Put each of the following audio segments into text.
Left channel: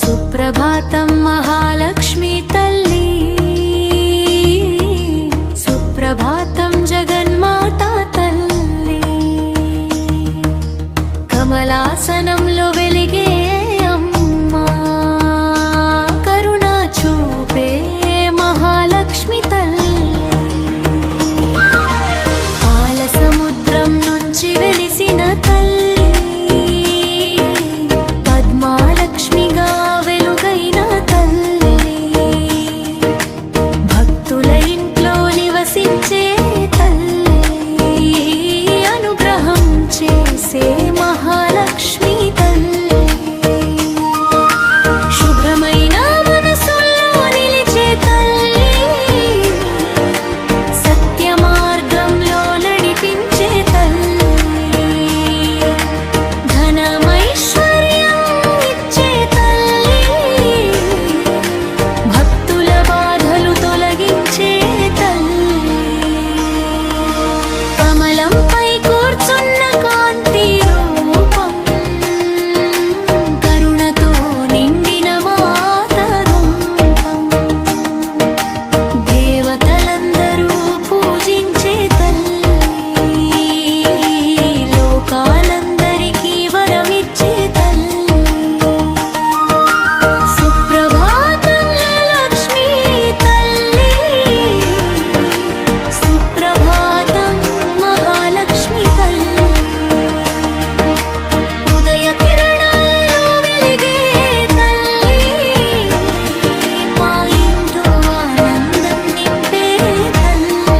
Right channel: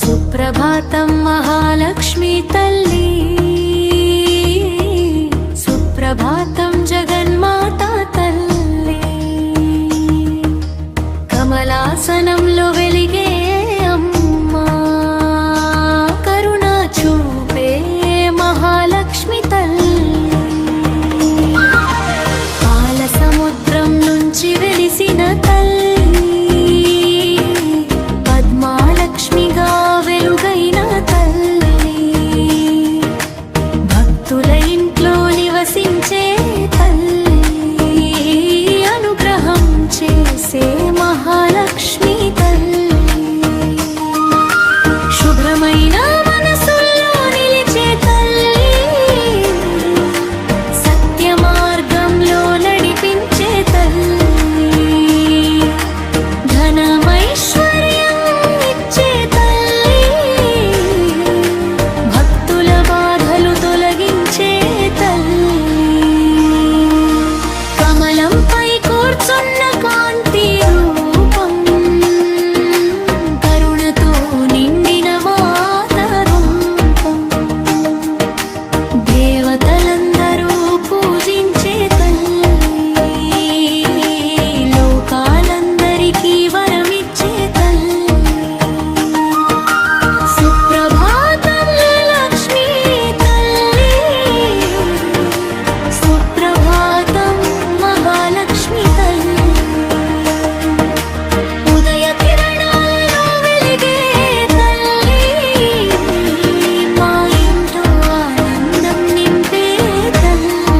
సుప్రభాతం మహాలక్ష్మి తల్లి, సుప్రభాతం జగన్మాతా తల్లి, కమలాసనంలో వెలిగే అమ్మా, కరుణ చూపే మహాలక్ష్మి తల్లి, పాల సముద్రం నుంచి వెలిసిన తల్లి, పద్మాలక్ష్మిగా వెలుగైన తల్లి, భక్తుల ఇంట్లో నివసించే తల్లి, అనుగ్రహం చేసే మహాలక్ష్మి తల్లి, శుభ్రమైన మనసుల్లో నిలిచే తల్లి, సత్య మార్గంలో నడిపించే తల్లి, ధనమైశ్వర్యం ఇచ్చే తల్లి, భక్తుల బాధలు తొలగించే తల్లి, కమలంపై కూర్చున్న కాంతి రూపం, కరుణతో నిండిన మాత రూపం, దేవతలందరూ పూజించే తల్లి, లోకాలందరికీ వరమిచ్చే తల్లి, సుప్రభాతం లక్ష్మీ తల్లి, సుప్రభాతం మహాలక్ష్మి తల్లి, ఉదయ కిరణాలలో వెలిగే తల్లి, మా ఇంట్లో ఆనందం నింపే తల్లి.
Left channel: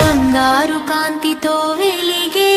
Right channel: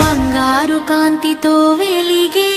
బంగారు కాంతితో వెలిగే